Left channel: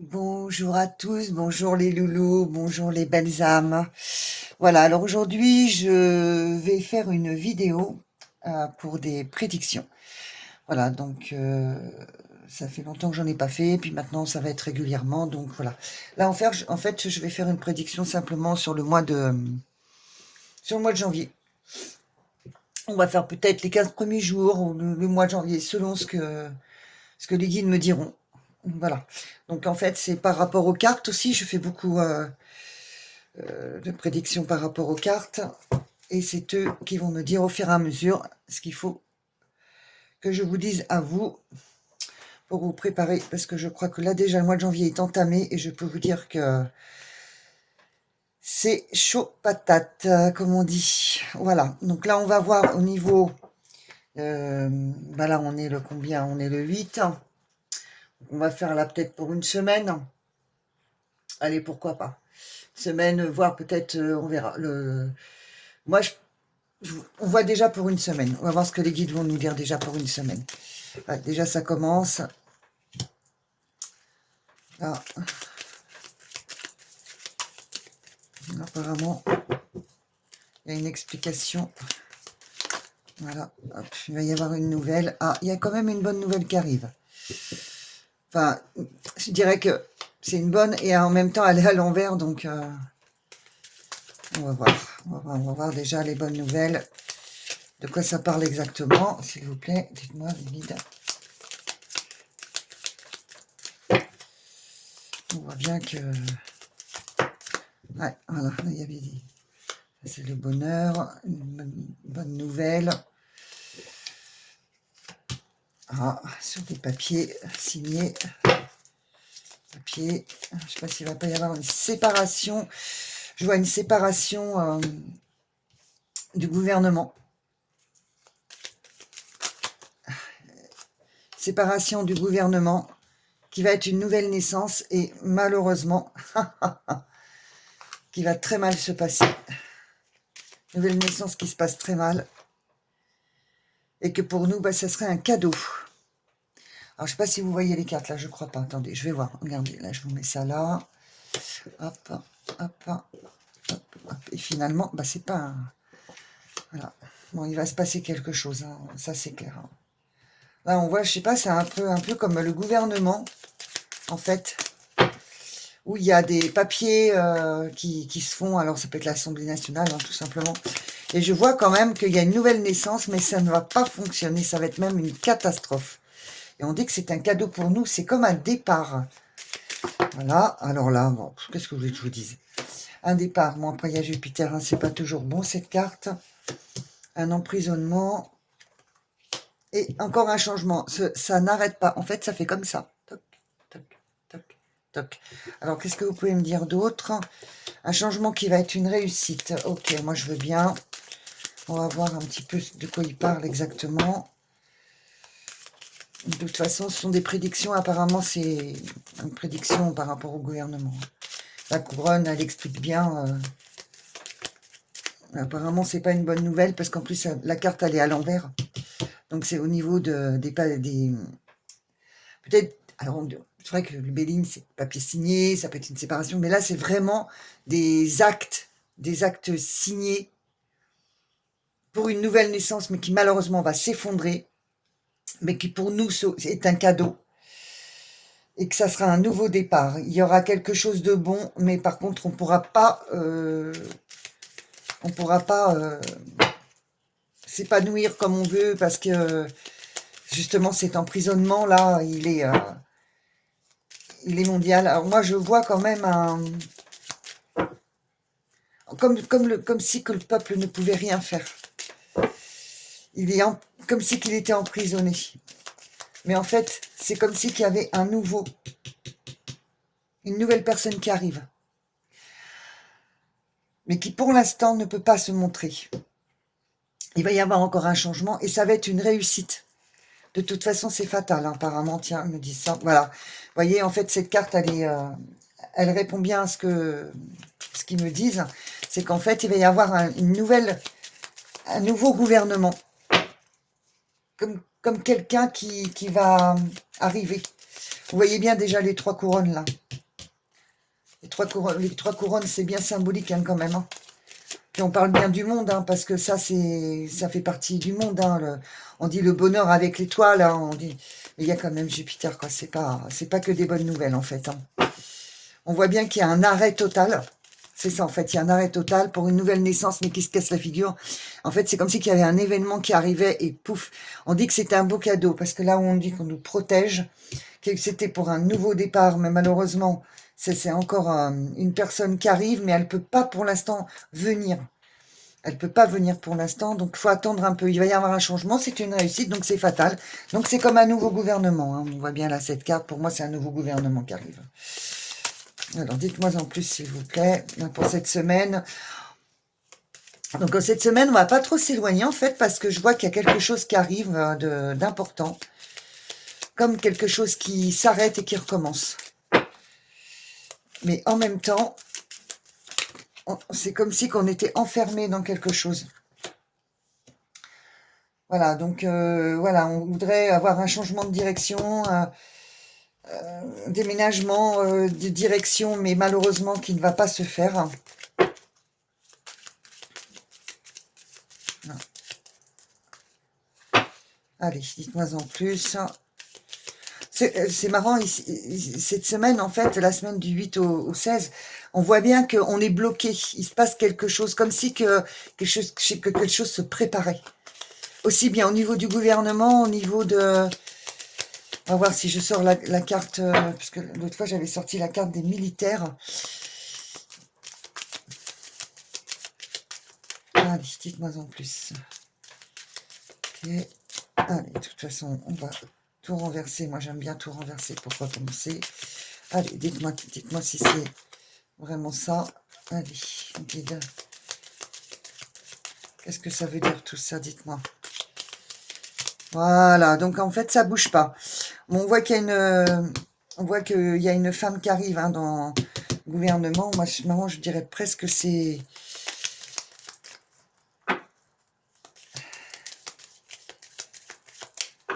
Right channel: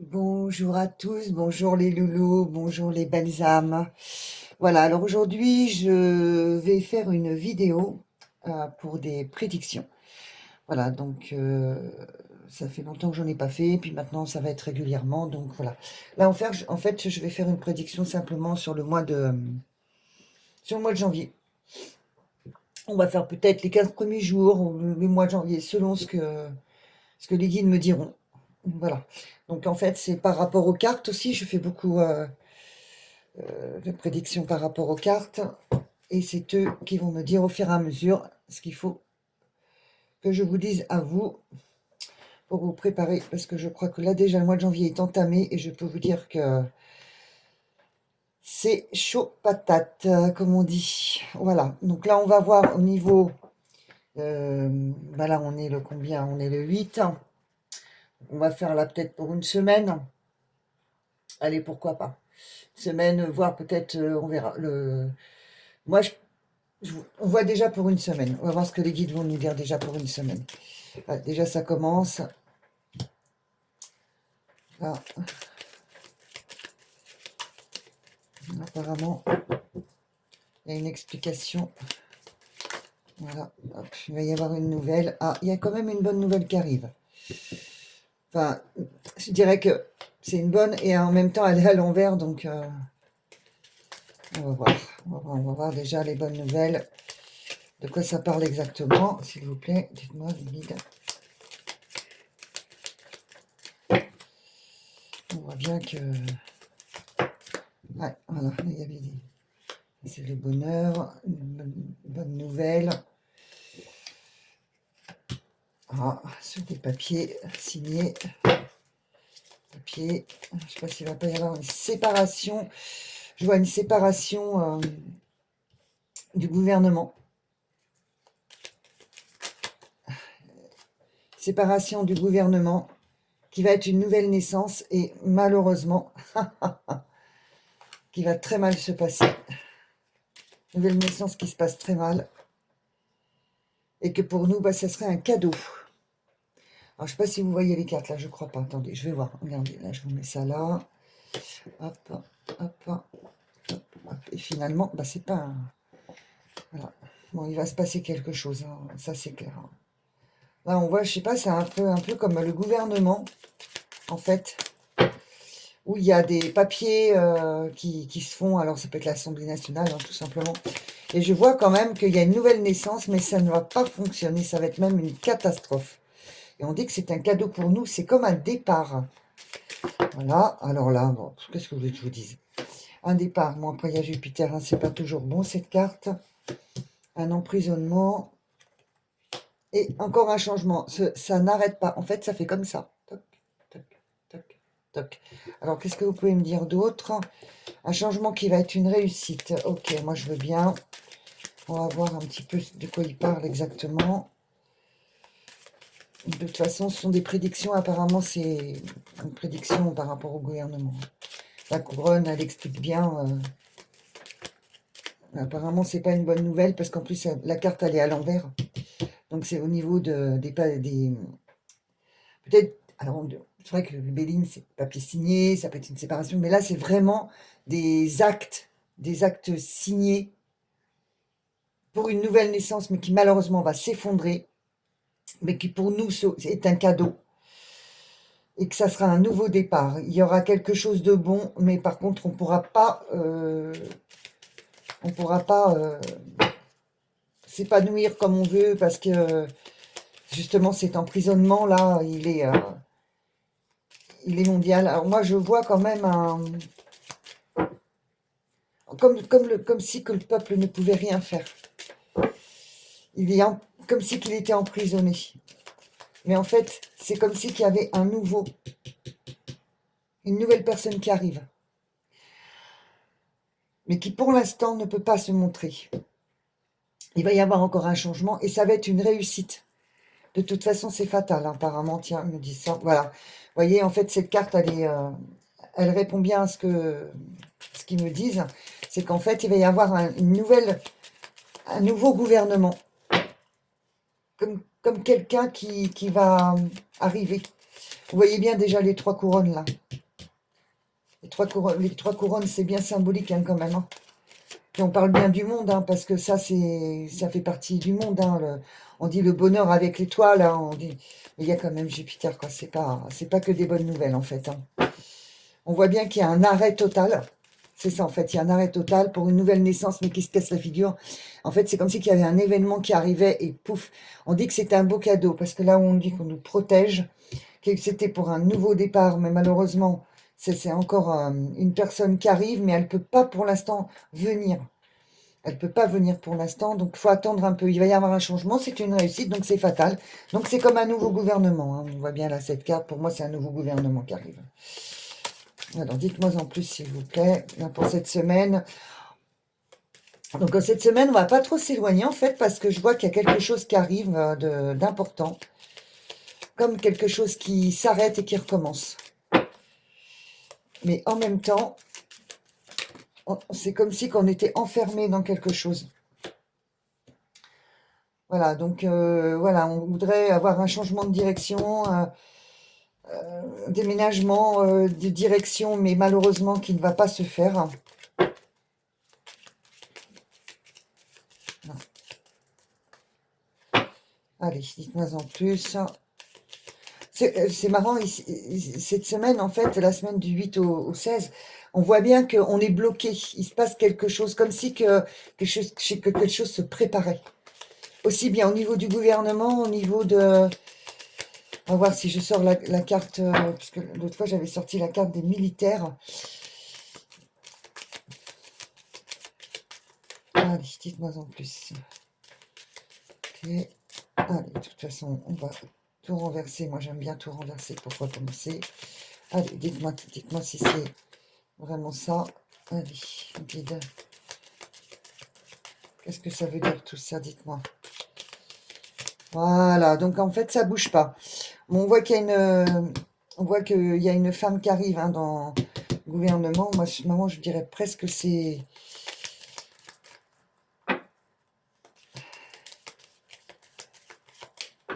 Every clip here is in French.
Bonjour à tous, bonjour les loulous, bonjour les belles âmes. Voilà, alors aujourd'hui, je vais faire une vidéo pour des prédictions. Voilà, donc ça fait longtemps que j'en ai pas fait, puis maintenant ça va être régulièrement, donc voilà. Là, en fait, je vais faire une prédiction simplement sur le mois de janvier. On va faire peut-être les 15 premiers jours ou le mois de janvier, selon ce que les guides me diront. Voilà. Donc en fait, c'est par rapport aux cartes aussi. Je fais beaucoup de prédictions par rapport aux cartes. Et c'est eux qui vont me dire au fur et à mesure ce qu'il faut que je vous dise à vous pour vous préparer. Parce que je crois que là déjà le mois de janvier est entamé et je peux vous dire que c'est chaud patate, comme on dit. Voilà. Donc là, on va voir au niveau... là, on est le combien? On est le 8. On va faire là peut-être pour une semaine. Allez, pourquoi pas. Semaine, voire peut-être, on verra. Moi, on voit déjà pour une semaine. On va voir ce que les guides vont nous dire déjà pour une semaine. Ouais, déjà, ça commence. Là. Apparemment, il y a une explication. Voilà. Hop, il va y avoir une nouvelle. Ah, il y a quand même une bonne nouvelle qui arrive. Enfin, je dirais que c'est une bonne et en même temps, elle est à l'envers. Donc, on va voir. On va voir déjà les bonnes nouvelles. De quoi ça parle exactement, s'il vous plaît. Dites-moi, les guides. On voit bien que... Ouais, voilà, il y avait dit. C'est le bonheur, une bonne nouvelle. Ah, sur des papiers signés. Papier. Je ne sais pas s'il ne va pas y avoir une séparation. Je vois une séparation du gouvernement. Séparation du gouvernement qui va être une nouvelle naissance et malheureusement, qui va très mal se passer. Nouvelle naissance qui se passe très mal. Et que pour nous, ça serait un cadeau. Alors, je ne sais pas si vous voyez les cartes, là, je ne crois pas. Attendez, je vais voir. Regardez, là, je vous mets ça là. Hop, hop, hop, hop, hop. Et finalement, c'est pas un... Voilà. Bon, il va se passer quelque chose, hein. Ça, c'est clair. Hein. Là, on voit, je sais pas, c'est un peu comme le gouvernement, en fait, où il y a des papiers qui se font. Alors, ça peut être l'Assemblée nationale, hein, tout simplement. Et je vois quand même qu'il y a une nouvelle naissance, mais ça ne va pas fonctionner. Ça va être même une catastrophe. Et on dit que c'est un cadeau pour nous. C'est comme un départ. Voilà. Alors là, bon, qu'est-ce que vous voulez que je vous dise? Un départ. Bon, après, il y a Jupiter. Hein, c'est pas toujours bon, cette carte. Un emprisonnement. Et encore un changement. Ça n'arrête pas. En fait, ça fait comme ça. Toc, toc, toc, toc. Alors, qu'est-ce que vous pouvez me dire d'autre? Un changement qui va être une réussite. Ok, moi, je veux bien. On va voir un petit peu de quoi il parle exactement. De toute façon, ce sont des prédictions. Apparemment, c'est une prédiction par rapport au gouvernement. La couronne, elle explique bien. Apparemment, c'est pas une bonne nouvelle parce qu'en plus, la carte, elle est à l'envers. Donc, c'est au niveau des peut-être... Alors, c'est vrai que le Béline, c'est papier signé, ça peut être une séparation. Mais là, c'est vraiment des actes signés pour une nouvelle naissance, mais qui malheureusement va s'effondrer. Mais qui pour nous est un cadeau. Et que ça sera un nouveau départ. Il y aura quelque chose de bon, mais par contre, on pourra pas s'épanouir comme on veut, parce que justement, cet emprisonnement-là, il est mondial. Alors moi, je vois quand même comme si que le peuple ne pouvait rien faire. Il est comme si qu'il était emprisonné. Mais en fait, c'est comme si qu'il y avait une nouvelle personne qui arrive. Mais qui pour l'instant ne peut pas se montrer. Il va y avoir encore un changement et ça va être une réussite. De toute façon, c'est fatal, hein, apparemment. Tiens, me dit ça. Voilà. Vous voyez, en fait, cette carte, elle répond bien à ce qu'ils me disent. C'est qu'en fait, il va y avoir un nouveau gouvernement. Comme quelqu'un qui va arriver. Vous voyez bien déjà les 3 couronnes, là. Les trois couronnes, c'est bien symbolique hein, quand même. Hein. Puis on parle bien du monde, hein, parce que ça fait partie du monde. Hein, on dit le bonheur avec l'étoile, hein, on dit. Mais il y a quand même Jupiter, quoi. C'est pas que des bonnes nouvelles, en fait. Hein. On voit bien qu'il y a un arrêt total. C'est ça, en fait. Il y a un arrêt total pour une nouvelle naissance, mais qui se casse la figure. En fait, c'est comme si il y avait un événement qui arrivait et pouf. On dit que c'était un beau cadeau, parce que là où on dit qu'on nous protège, que c'était pour un nouveau départ, mais malheureusement, c'est encore une personne qui arrive, mais elle ne peut pas pour l'instant venir. Elle ne peut pas venir pour l'instant, donc il faut attendre un peu. Il va y avoir un changement, c'est une réussite, donc c'est fatal. Donc c'est comme un nouveau gouvernement. Hein. On voit bien là cette carte, pour moi c'est un nouveau gouvernement qui arrive. Alors dites-moi en plus s'il vous plaît, pour cette semaine. Donc cette semaine, on ne va pas trop s'éloigner en fait, parce que je vois qu'il y a quelque chose qui arrive d'important. Comme quelque chose qui s'arrête et qui recommence. Mais en même temps, c'est comme si on était enfermé dans quelque chose. Voilà, donc voilà, on voudrait avoir un changement de direction, déménagement de direction, mais malheureusement qui ne va pas se faire. Non. Allez, dites-moi en plus. C'est marrant, cette semaine, en fait, la semaine du 8 au 16, on voit bien qu'on est bloqué. Il se passe quelque chose, comme si quelque chose se préparait. Aussi bien au niveau du gouvernement, au niveau de... On va voir si je sors la carte, parce que l'autre fois, j'avais sorti la carte des militaires. Allez, dites-moi en plus. Ok. Allez, de toute façon, on va tout renverser. Moi, j'aime bien tout renverser pour recommencer. Allez, dites-moi si c'est vraiment ça. Allez, ok. Qu'est-ce que ça veut dire tout ça? Dites-moi. Voilà, donc en fait, ça bouge pas. Bon, on voit qu'il y a une femme qui arrive hein, dans le gouvernement. Moi, je dirais presque que c'est...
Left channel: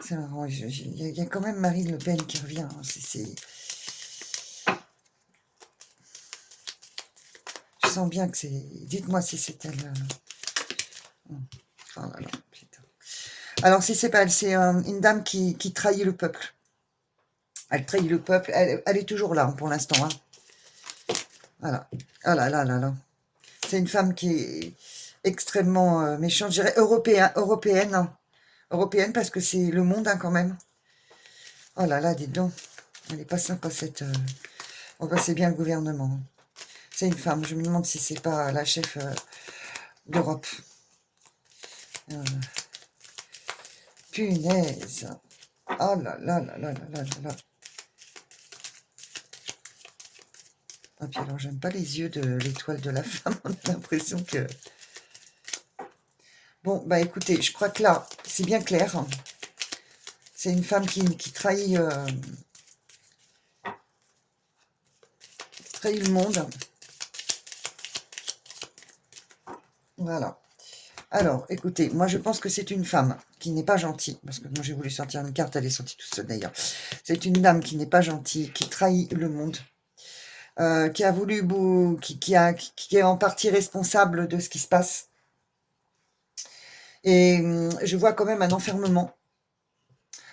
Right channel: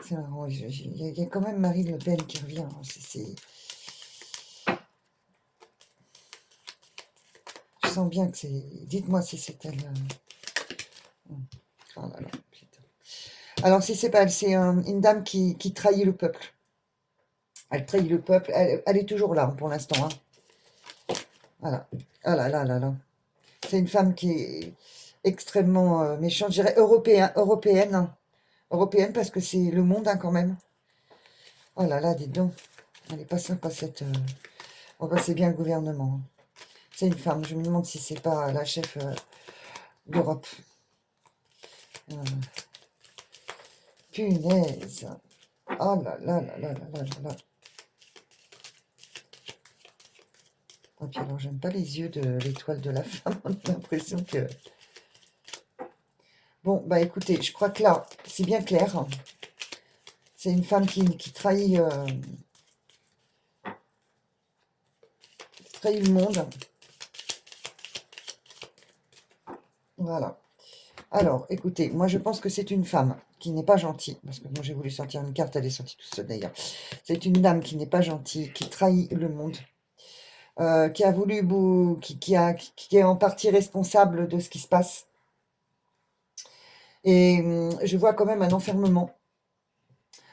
C'est marrant, il y a quand même Marine Le Pen qui revient. Hein, je sens bien que c'est... Dites-moi si c'est elle... Oh là là, putain. Alors, si c'est pas elle, c'est une dame qui trahit le peuple. Elle trahit le peuple. Elle est toujours là, pour l'instant. Hein. Voilà. Oh là là là là. C'est une femme qui est extrêmement méchante. Je dirais européenne. Européenne, parce que c'est le monde, hein, quand même. Oh là là, dites donc. Elle n'est pas sympa, cette... Bon, bah, c'est bien le gouvernement. C'est une femme. Je me demande si c'est pas la chef d'Europe. Punaise. Oh là là là là là là là. Ah, puis alors, j'aime pas les yeux de l'étoile de la femme. On a l'impression que... Bon, bah écoutez, je crois que là, c'est bien clair. C'est une femme qui trahit, le monde. Voilà. Alors, écoutez, moi je pense que c'est une femme qui n'est pas gentille, parce que moi j'ai voulu sortir une carte, elle est sortie toute seule d'ailleurs. C'est une dame qui n'est pas gentille, qui trahit le monde, qui a voulu, qui est en partie responsable de ce qui se passe. Et je vois quand même un enfermement.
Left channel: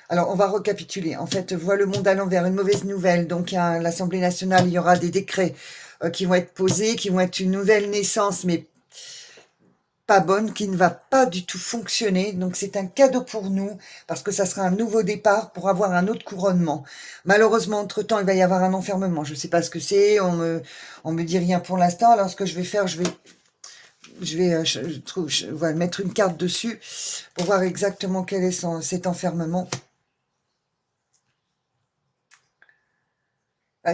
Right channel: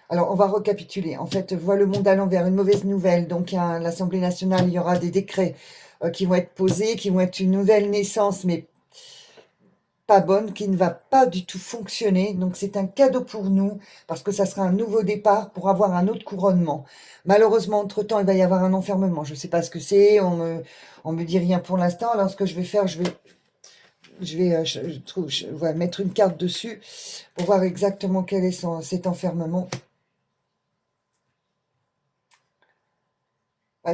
Alors, on va récapituler. En fait, voit le monde allant vers une mauvaise nouvelle. Donc, à l'Assemblée nationale, il y aura des décrets qui vont être posés, qui vont être une nouvelle naissance, mais pas bonne, qui ne va pas du tout fonctionner. Donc, c'est un cadeau pour nous, parce que ça sera un nouveau départ pour avoir un autre couronnement. Malheureusement, entre-temps, il va y avoir un enfermement. Je ne sais pas ce que c'est. On me dit rien pour l'instant. Alors, ce que je vais faire, je vais mettre une carte dessus pour voir exactement quel est cet enfermement.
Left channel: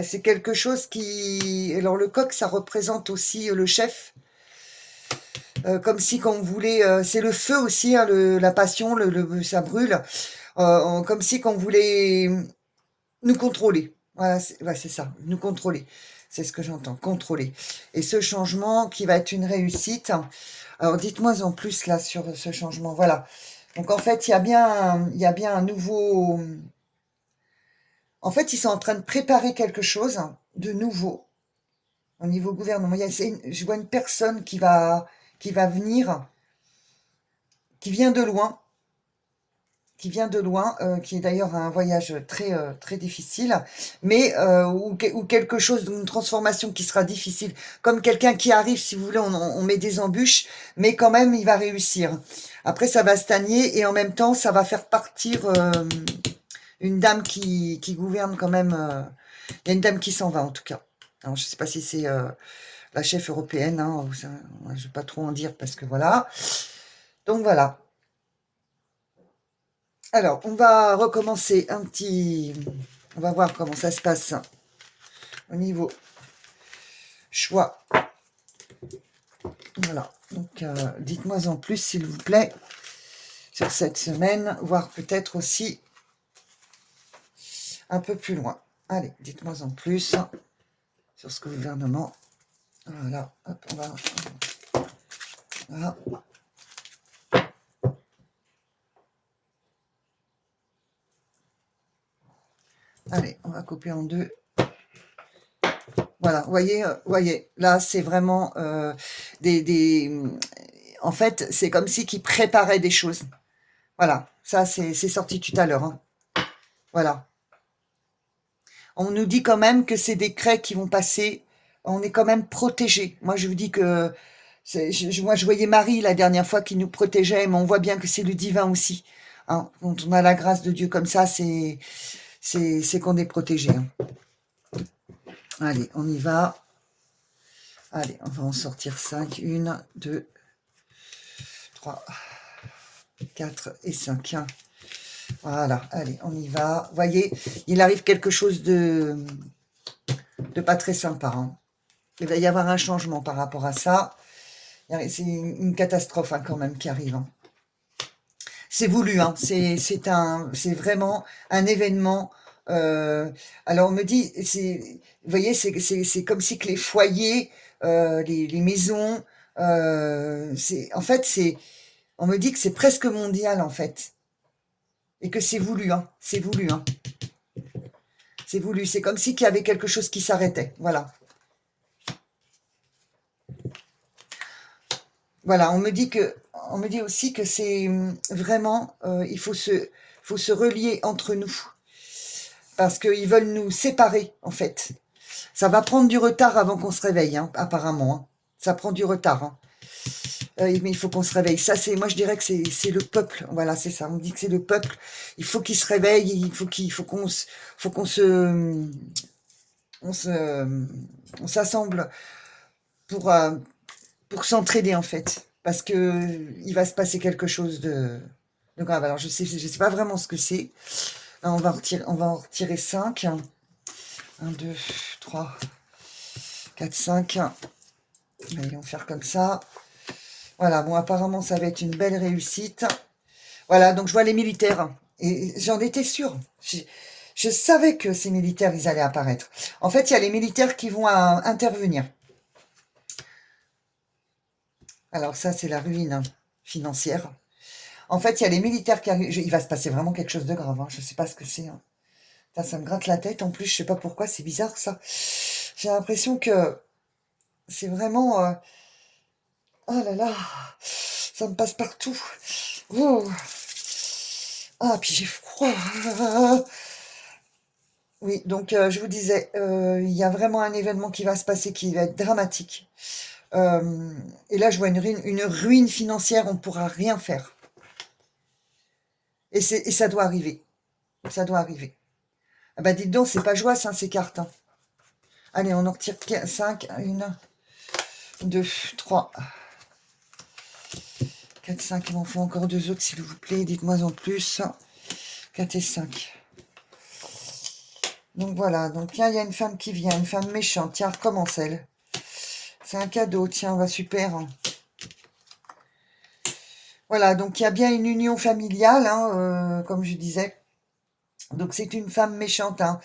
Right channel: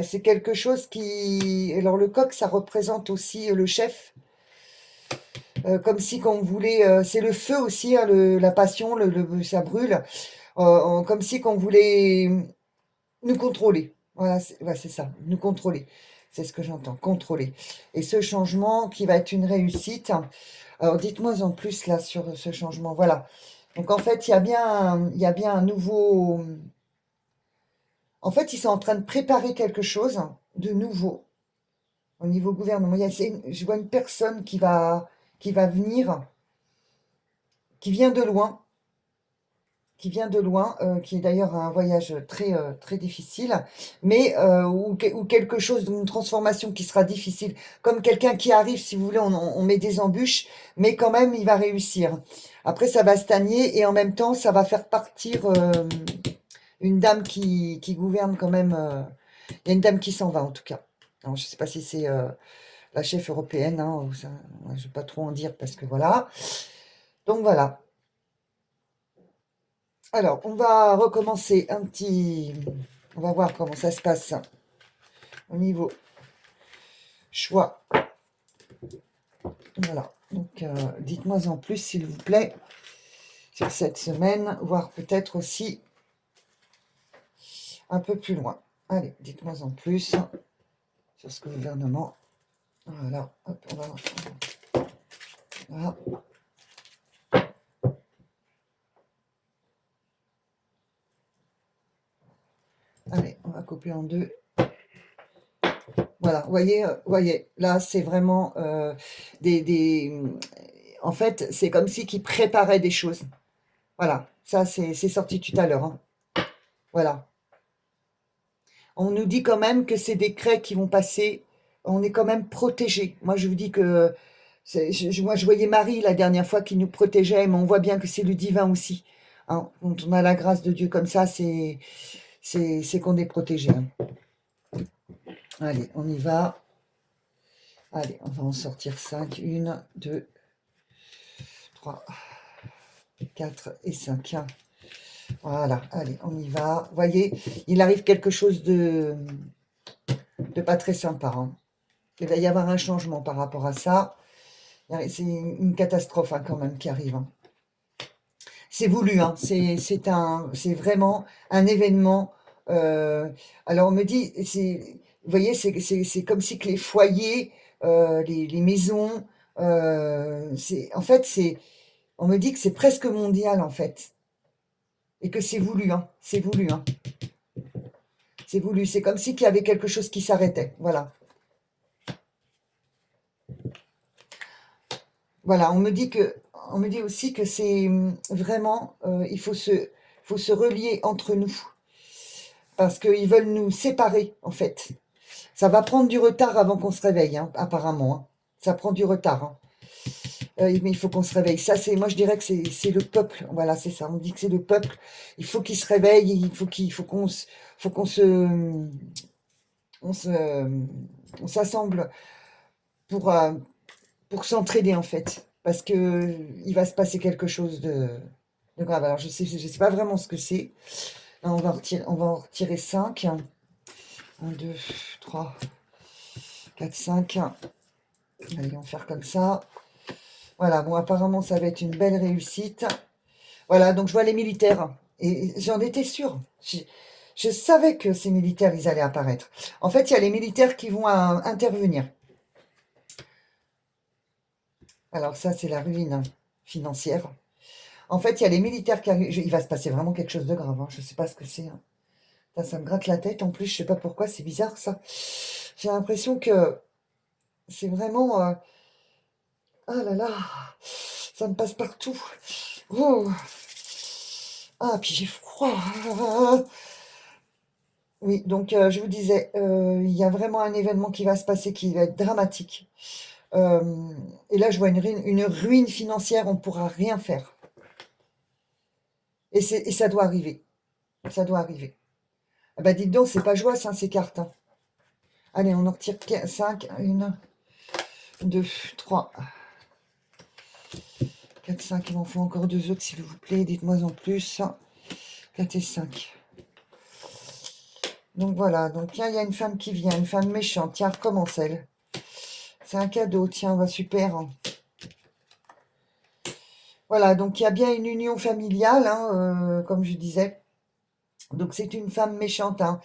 C'est quelque chose qui... Alors, le coq, ça représente aussi le chef. Comme si qu'on voulait... c'est le feu aussi, hein, la passion, ça brûle. Comme si qu'on voulait nous contrôler. Voilà, c'est ça, nous contrôler. C'est ce que j'entends, contrôler. Et ce changement qui va être une réussite... Alors, dites-moi en plus, là, sur ce changement. Voilà. Donc, en fait, il y a bien un nouveau... En fait, ils sont en train de préparer quelque chose de nouveau. Au niveau gouvernement, je vois une personne qui va venir, qui vient de loin, qui est d'ailleurs un voyage très, très difficile, mais ou quelque chose, une transformation qui sera difficile, comme quelqu'un qui arrive, si vous voulez, on met des embûches, mais quand même, il va réussir. Après, ça va stagner et en même temps, ça va faire partir une dame qui gouverne quand même. Il y a une dame qui s'en va, en tout cas. Alors, je ne sais pas si c'est la chef européenne, hein, je ne vais pas trop en dire parce que voilà. Donc, voilà. Alors, on va recommencer un petit... On va voir comment ça se passe au niveau choix. Voilà. Donc, dites-moi en plus, s'il vous plaît, sur cette semaine, voire peut-être aussi un peu plus loin. Allez, dites-moi en plus sur ce gouvernement. Voilà. Hop, on va... Voilà. Allez, on va couper en deux. Voilà, voyez, là, c'est vraiment en fait, c'est comme si qu'ils préparaient des choses. Voilà, ça, c'est sorti tout à l'heure. Hein. Voilà. On nous dit quand même que ces décrets qui vont passer, on est quand même protégés. Moi, je vous dis que... moi, je voyais Marie la dernière fois qui nous protégeait, mais on voit bien que c'est le divin aussi. Hein. Quand on a la grâce de Dieu comme ça, c'est qu'on est protégé. Hein. Allez, on y va. Allez, on va en sortir 5. 1, 2, 3, 4 et 5. Voilà, allez, on y va. Vous voyez, il arrive quelque chose de pas très sympa. Hein. Il va y avoir un changement par rapport à ça. C'est une catastrophe hein, quand même qui arrive. Hein. C'est voulu, hein. C'est vraiment un événement. Alors on me dit, vous voyez, c'est comme si que les foyers, les maisons, en fait, on me dit que c'est presque mondial en fait, et que c'est voulu, hein. C'est voulu, hein. C'est voulu. C'est comme si qu'il y avait quelque chose qui s'arrêtait. Voilà. Voilà. On me dit aussi que c'est vraiment, il faut se relier entre nous. Parce qu'ils veulent nous séparer, en fait. Ça va prendre du retard avant qu'on se réveille, hein, apparemment. Hein. Ça prend du retard. Hein. Mais il faut qu'on se réveille. Ça, moi, je dirais que c'est le peuple. Voilà, c'est ça. On dit que c'est le peuple. Il faut qu'il se réveille. Faut qu'on on s'assemble pour s'entraider, en fait. Parce que il va se passer quelque chose de grave. Alors, je sais pas vraiment ce que c'est. On va en retirer 5. 1, 2, 3, 4, 5. Allez, on va faire comme ça. Voilà, bon, apparemment, ça va être une belle réussite. Voilà, donc je vois les militaires. Et j'en étais sûre. Je savais que ces militaires, ils allaient apparaître. En fait, il y a les militaires qui vont intervenir. Alors ça, c'est la ruine hein, financière. En fait, il y a les militaires qui arrivent. Il va se passer vraiment quelque chose de grave. Hein. Je ne sais pas ce que c'est. Hein. Ça me gratte la tête. En plus, je ne sais pas pourquoi. C'est bizarre, ça. J'ai l'impression que c'est vraiment... Ah là là, ça me passe partout. Oh. Ah, puis j'ai froid. Oui, donc je vous disais, il y a vraiment un événement qui va se passer qui va être dramatique. Et là, je vois une ruine financière, on ne pourra rien faire. Et ça doit arriver. Ça doit arriver. Ah bah dites donc, c'est pas joie, hein, ces cartes. Hein. Allez, on en retire 5. 1, 2, 3, 4, 5. Il m'en faut encore 2 autres, s'il vous plaît. Dites-moi en plus. 4 et 5. Donc voilà, donc là, il y a une femme qui vient, une femme méchante. Tiens, recommence-elle. C'est un cadeau, tiens, va super. Hein. Voilà, donc il y a bien une union familiale, hein, comme je disais. Donc c'est une femme méchante hein,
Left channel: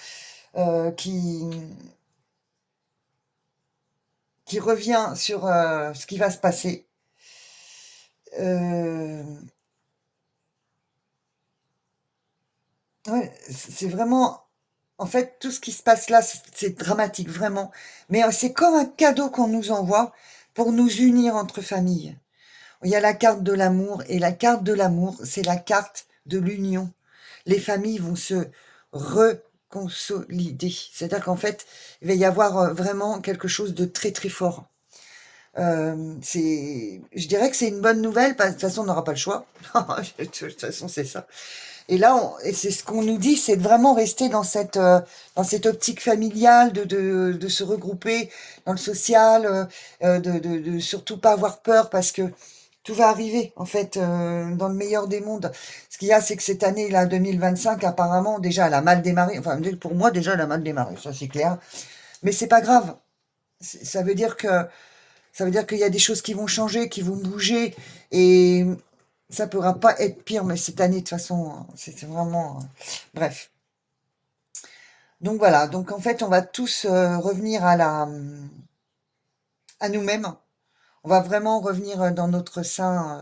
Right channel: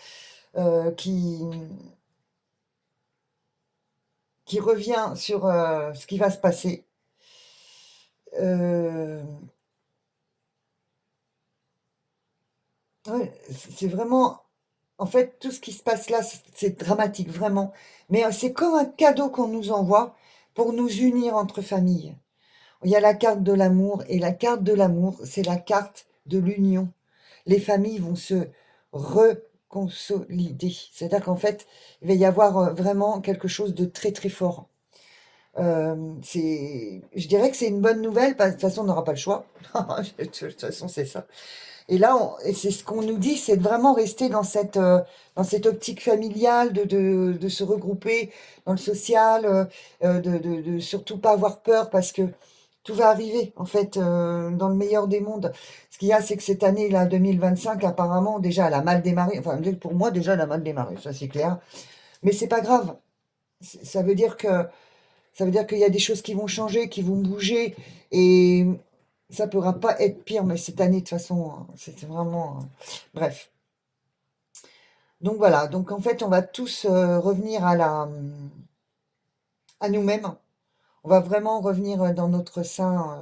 qui revient sur ce qui va se passer. Ouais, c'est vraiment En fait, tout ce qui se passe là, c'est dramatique, vraiment. Mais c'est comme un cadeau qu'on nous envoie pour nous unir entre familles. Il y a la carte de l'amour, et la carte de l'amour, c'est la carte de l'union. Les familles vont se reconsolider. C'est-à-dire qu'en fait, il va y avoir vraiment quelque chose de très très fort. Je dirais que c'est une bonne nouvelle, parce que de toute façon, on n'aura pas le choix. De toute façon, c'est ça. Et là, et c'est ce qu'on nous dit, c'est de vraiment rester dans cette optique familiale, de se regrouper dans le social, de surtout pas avoir peur, parce que tout va arriver, en fait, dans le meilleur des mondes. Ce qu'il y a, c'est que cette année, là, 2025, apparemment, déjà, elle a mal démarré. Enfin, pour moi, déjà, elle a mal démarré, ça c'est clair. Mais c'est pas grave. Ça veut dire que ça veut dire qu'il y a des choses qui vont changer, qui vont bouger, et ça ne pourra pas être pire. Mais cette année, de toute façon, c'est vraiment... bref. Donc voilà, donc en fait, on va tous revenir à nous-mêmes. On va vraiment revenir dans notre sein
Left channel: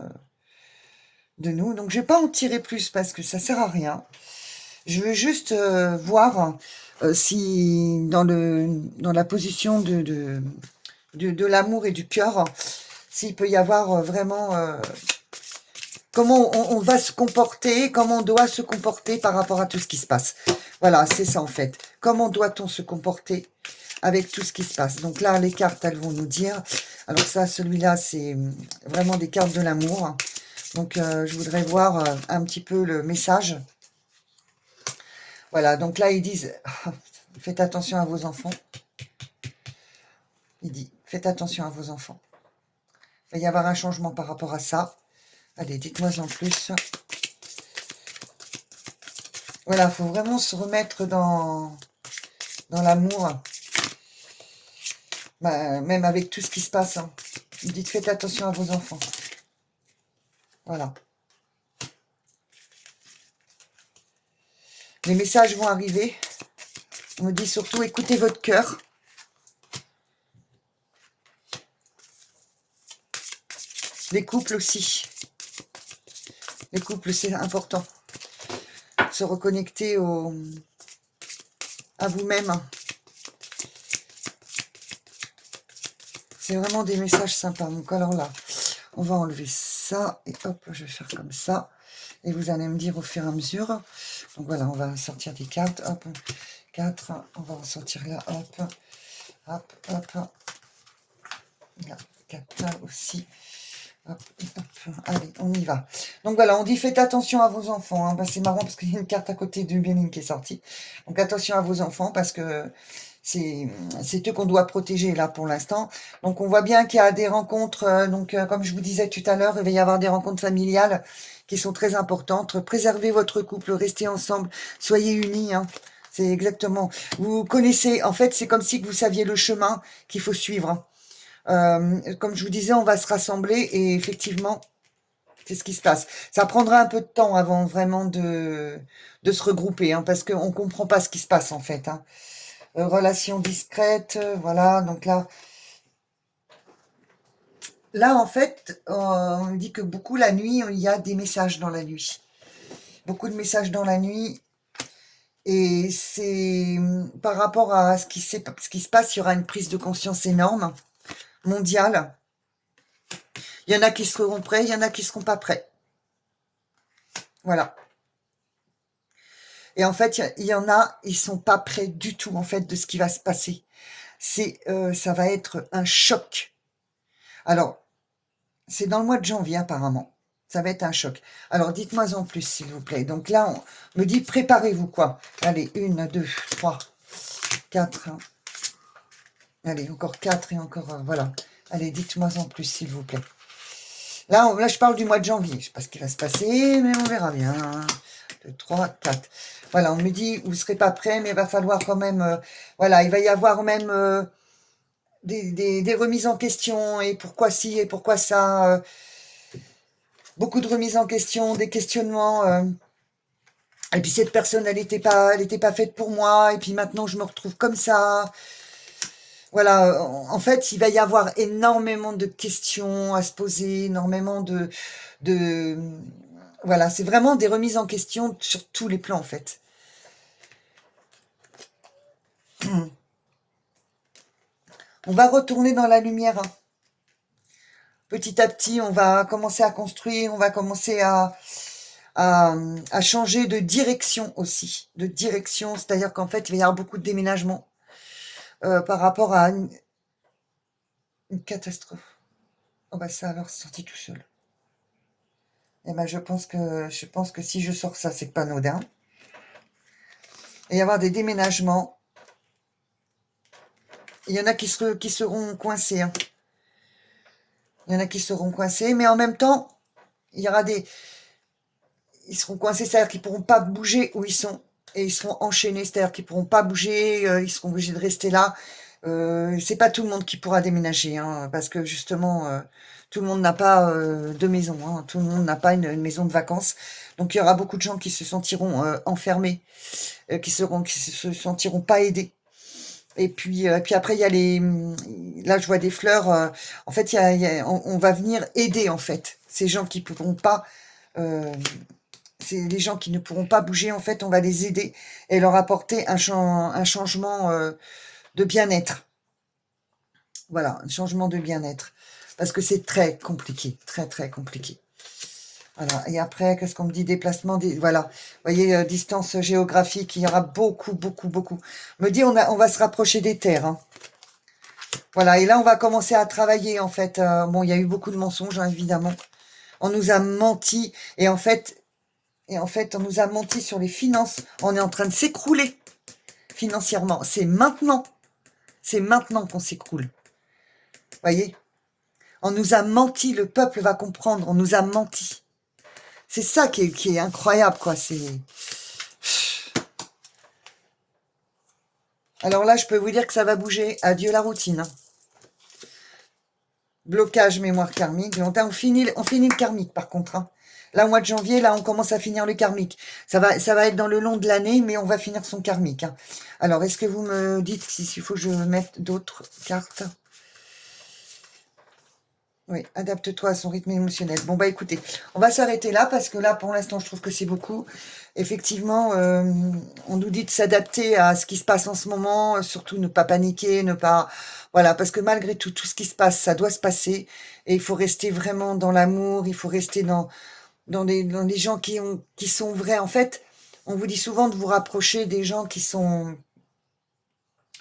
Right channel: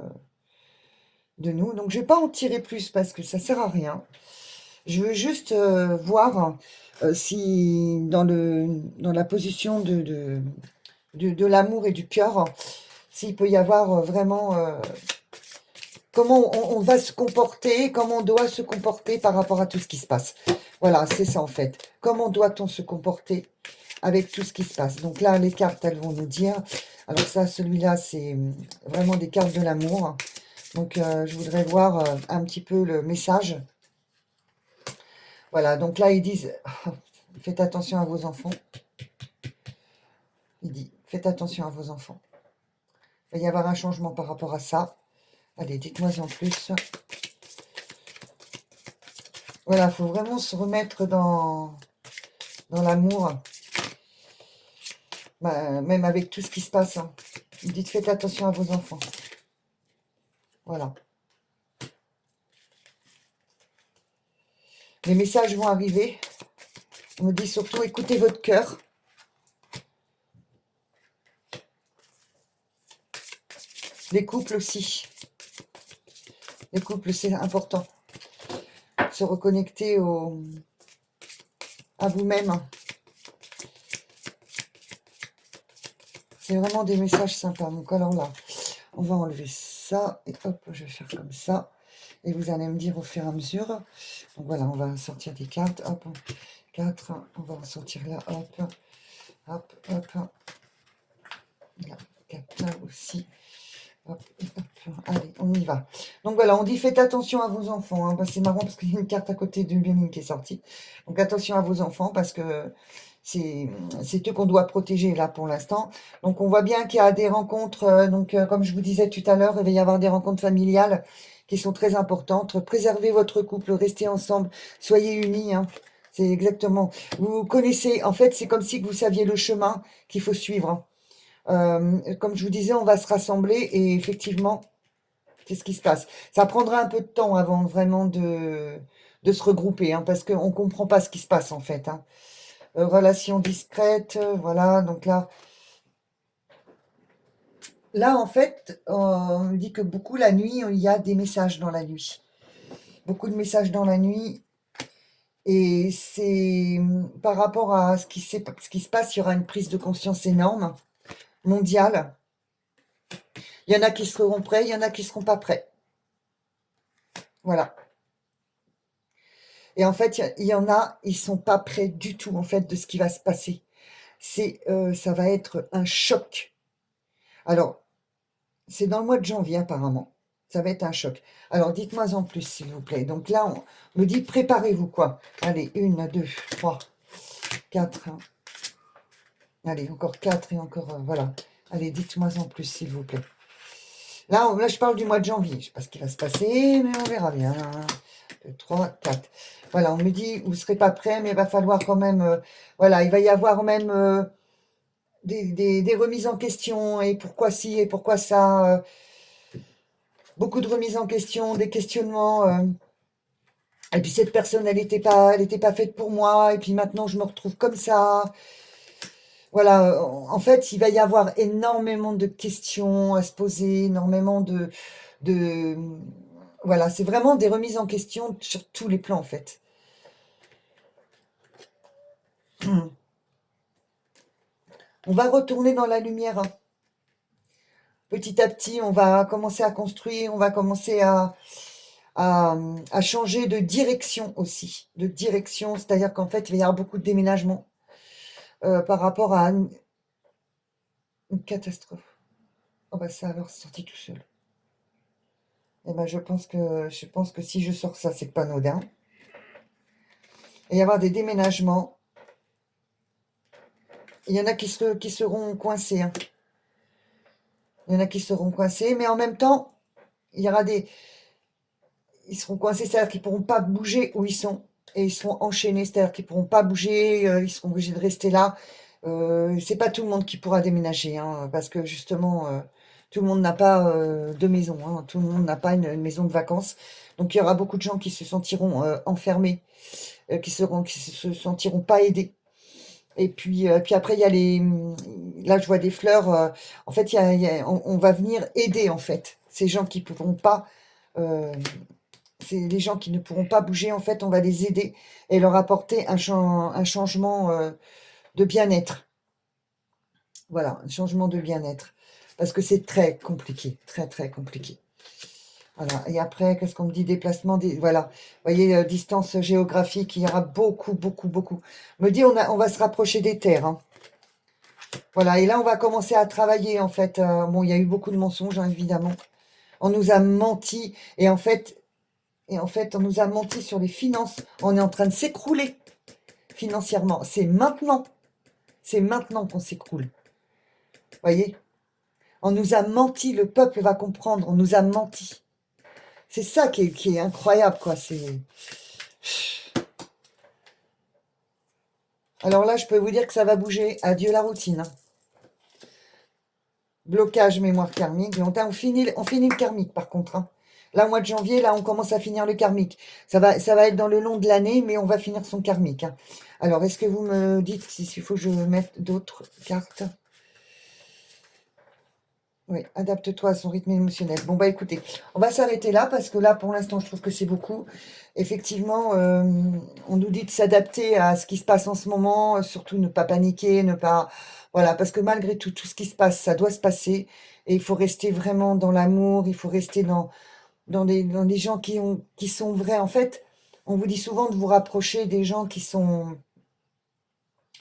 de nous. Donc je ne vais pas en tirer plus parce que ça ne sert à rien. Je veux juste voir si dans la position de l'amour et du cœur, s'il peut y avoir vraiment comment on va se comporter, comment on doit se comporter par rapport à tout ce qui se passe. Voilà, c'est ça en fait. Comment doit-on se comporter avec tout ce qui se passe? Donc là, les cartes, elles vont nous dire. Alors ça, celui-là, c'est vraiment des cartes de l'amour. Donc je voudrais voir un petit peu le message. Voilà, donc là, ils disent, faites attention à vos enfants. Il dit, faites attention à vos enfants. Il va y avoir un changement par rapport à ça. Allez, dites-moi en plus. Voilà, il faut vraiment se remettre dans l'amour. Bah, même avec tout ce qui se passe. Hein. Vous dites, faites attention à vos enfants. Voilà. Les messages vont arriver. On me dit surtout, écoutez votre cœur. Les couples aussi. Les couples, c'est important. Se reconnecter à vous-même. C'est vraiment des messages sympas. Donc alors là, on va enlever ça. Et hop, je vais faire comme ça. Et vous allez me dire au fur et à mesure. Donc voilà, on va sortir des cartes. Hop, 4. On va en sortir là. Hop, hop, hop. Là, 4 là aussi. Hop, hop. Allez, on y va. Donc voilà, on dit faites attention à vos enfants. Hein. Bah, c'est marrant parce qu'il y a une carte à côté du Bénin qui est sortie. Donc attention à vos enfants parce que c'est eux qu'on doit protéger là pour l'instant. Donc on voit bien qu'il y a des rencontres. Comme je vous disais tout à l'heure, il va y avoir des rencontres familiales qui sont très importantes. Préservez votre couple, restez ensemble, soyez unis. Hein. C'est exactement. Vous connaissez, en fait, c'est comme si vous saviez le chemin qu'il faut suivre. Comme je vous disais, on va se rassembler et effectivement, c'est ce qui se passe. Ça prendra un peu de temps avant vraiment de se regrouper, hein, parce qu'on ne comprend pas ce qui se passe en fait. Hein. Relation discrète, voilà, donc là, en fait, on me dit que beaucoup la nuit, il y a des messages dans la nuit. Beaucoup de messages dans la nuit. Et c'est par rapport à ce qui se passe, il y aura une prise de conscience énorme, mondiale. Il y en a qui seront prêts, il y en a qui ne seront pas prêts. Voilà. Et en fait, il y en a, ils ne sont pas prêts du tout, en fait, de ce qui va se passer. Ça va être un choc. Alors, c'est dans le mois de janvier, apparemment. Ça va être un choc. Alors, dites-moi en plus, s'il vous plaît. Donc là, on me dit, préparez-vous, quoi. Allez, 1, 2, 3, 4. Allez, encore 4 et encore... voilà. Allez, dites-moi en plus, s'il vous plaît. Là, je parle du mois de janvier. Je ne sais pas ce qui va se passer, mais on verra bien. 2, 3, 4. Voilà, on me dit, vous ne serez pas prêts, mais il va falloir quand même... voilà, il va y avoir même des remises en question. Et pourquoi ci, et pourquoi ça beaucoup de remises en question, des questionnements. Et puis cette personne, elle n'était pas faite pour moi. Et puis maintenant, je me retrouve comme ça. Voilà, en fait, il va y avoir énormément de questions à se poser, énormément de voilà, c'est vraiment des remises en question sur tous les plans, en fait. On va retourner dans la lumière. Hein. Petit à petit, on va commencer à construire, on va commencer à changer de direction aussi. De direction, c'est-à-dire qu'en fait, il va y avoir beaucoup de déménagements par rapport à une catastrophe. Oh bah ça alors, c'est sorti tout seul. Eh ben je pense que si je sors ça, c'est pas anodin. Et y avoir des déménagements. Il y en a qui seront coincés. Hein. Il y en a qui seront coincés, mais en même temps, il y aura ils seront coincés, c'est-à-dire qu'ils ne pourront pas bouger où ils sont. Et ils seront enchaînés, c'est-à-dire qu'ils ne pourront pas bouger, ils seront obligés de rester là. C'est pas tout le monde qui pourra déménager, hein, parce que justement, tout le monde n'a pas de maison, hein, tout le monde n'a pas une maison de vacances. Donc il y aura beaucoup de gens qui se sentiront enfermés, qui se sentiront pas aidés. Et puis après, il y a là, je vois des fleurs. En fait, on va venir aider, en fait, ces gens qui ne pourront pas... c'est les gens qui ne pourront pas bouger, en fait, on va les aider et leur apporter un changement de bien-être. Voilà, un changement de bien-être. Parce que c'est très compliqué, très, très compliqué. Voilà, et après, qu'est-ce qu'on me dit? Déplacement, voilà. Vous voyez, distance géographique, il y aura beaucoup, beaucoup, beaucoup. Me dit, on va se rapprocher des terres. Hein. Voilà, et là, on va commencer à travailler, en fait. Bon, il y a eu beaucoup de mensonges, hein, évidemment. On nous a menti, et en fait, on nous a menti sur les finances. On est en train de s'écrouler financièrement. C'est maintenant qu'on s'écroule. Vous voyez? On nous a menti, le peuple va comprendre, on nous a menti. C'est ça qui est incroyable, quoi. Alors là, je peux vous dire que ça va bouger. Adieu la routine. Hein. Blocage mémoire karmique. On finit le karmique, par contre. Hein. Là, au mois de janvier, là, on commence à finir le karmique. Ça va être dans le long de l'année, mais on va finir son karmique. Hein. Alors, est-ce que vous me dites s'il faut que je mette d'autres cartes? Oui, adapte-toi à son rythme émotionnel. Bon, bah écoutez, on va s'arrêter là parce que là, pour l'instant, je trouve que c'est beaucoup. Effectivement, on nous dit de s'adapter à ce qui se passe en ce moment, surtout ne pas paniquer, ne pas... Voilà, parce que malgré tout, tout ce qui se passe, ça doit se passer. Et il faut rester vraiment dans l'amour, il faut rester dans les gens qui sont vrais. En fait, on vous dit souvent de vous rapprocher des gens qui sont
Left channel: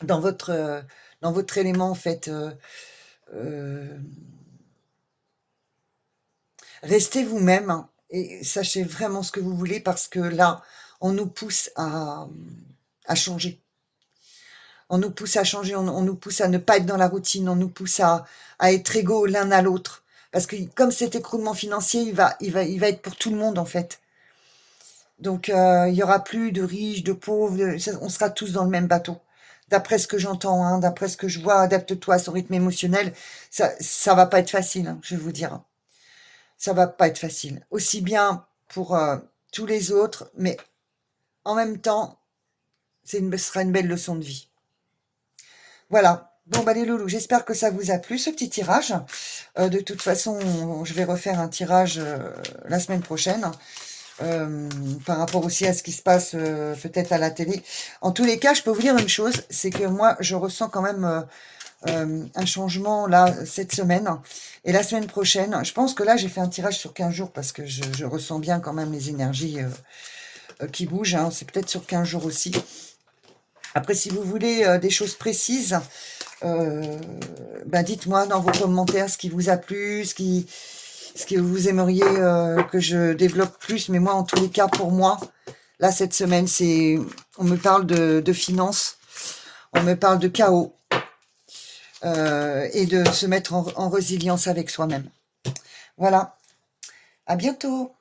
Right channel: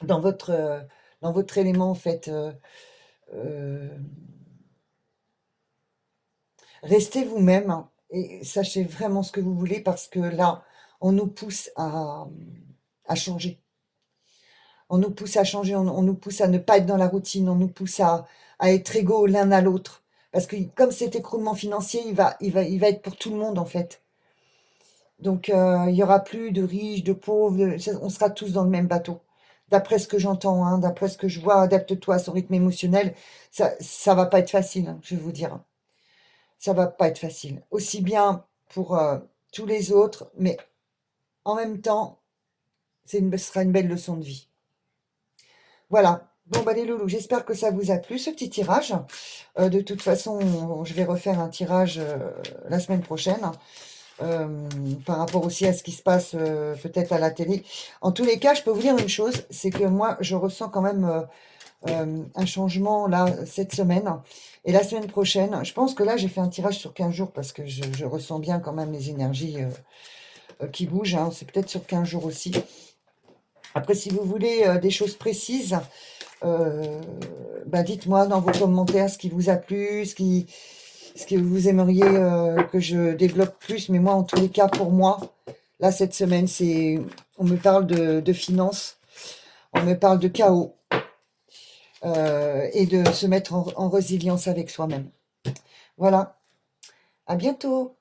dans votre élément, en fait. Restez vous-même hein, et sachez vraiment ce que vous voulez parce que là, on nous pousse à changer. On nous pousse à changer, on nous pousse à ne pas être dans la routine, on nous pousse à être égaux l'un à l'autre. Parce que comme cet écroulement financier, il va être pour tout le monde en fait. Donc, il n'y aura plus de riches, de pauvres, on sera tous dans le même bateau. D'après ce que j'entends, hein, d'après ce que je vois, adapte-toi à son rythme émotionnel, ça va pas être facile, hein, je vais vous dire. Ça va pas être facile. Aussi bien pour tous les autres, mais en même temps, ce sera une belle leçon de vie. Voilà. Bon, bah les loulous, j'espère que ça vous a plu, ce petit tirage. De toute façon, je vais refaire un tirage la semaine prochaine. Par rapport aussi à ce qui se passe peut-être à la télé. En tous les cas, je peux vous dire une chose, c'est que moi, je ressens quand même un changement là cette semaine. Et la semaine prochaine, je pense que là, j'ai fait un tirage sur 15 jours parce que je ressens bien quand même les énergies qui bougent. Hein. C'est peut-être sur 15 jours aussi. Après, si vous voulez des choses précises, bah dites-moi dans vos commentaires ce qui vous a plu, ce que vous aimeriez que je développe plus. Mais moi, en tous les cas, pour moi, là, cette semaine, on me parle de finances, on me parle de chaos et de se mettre en résilience avec soi-même. Voilà. À bientôt.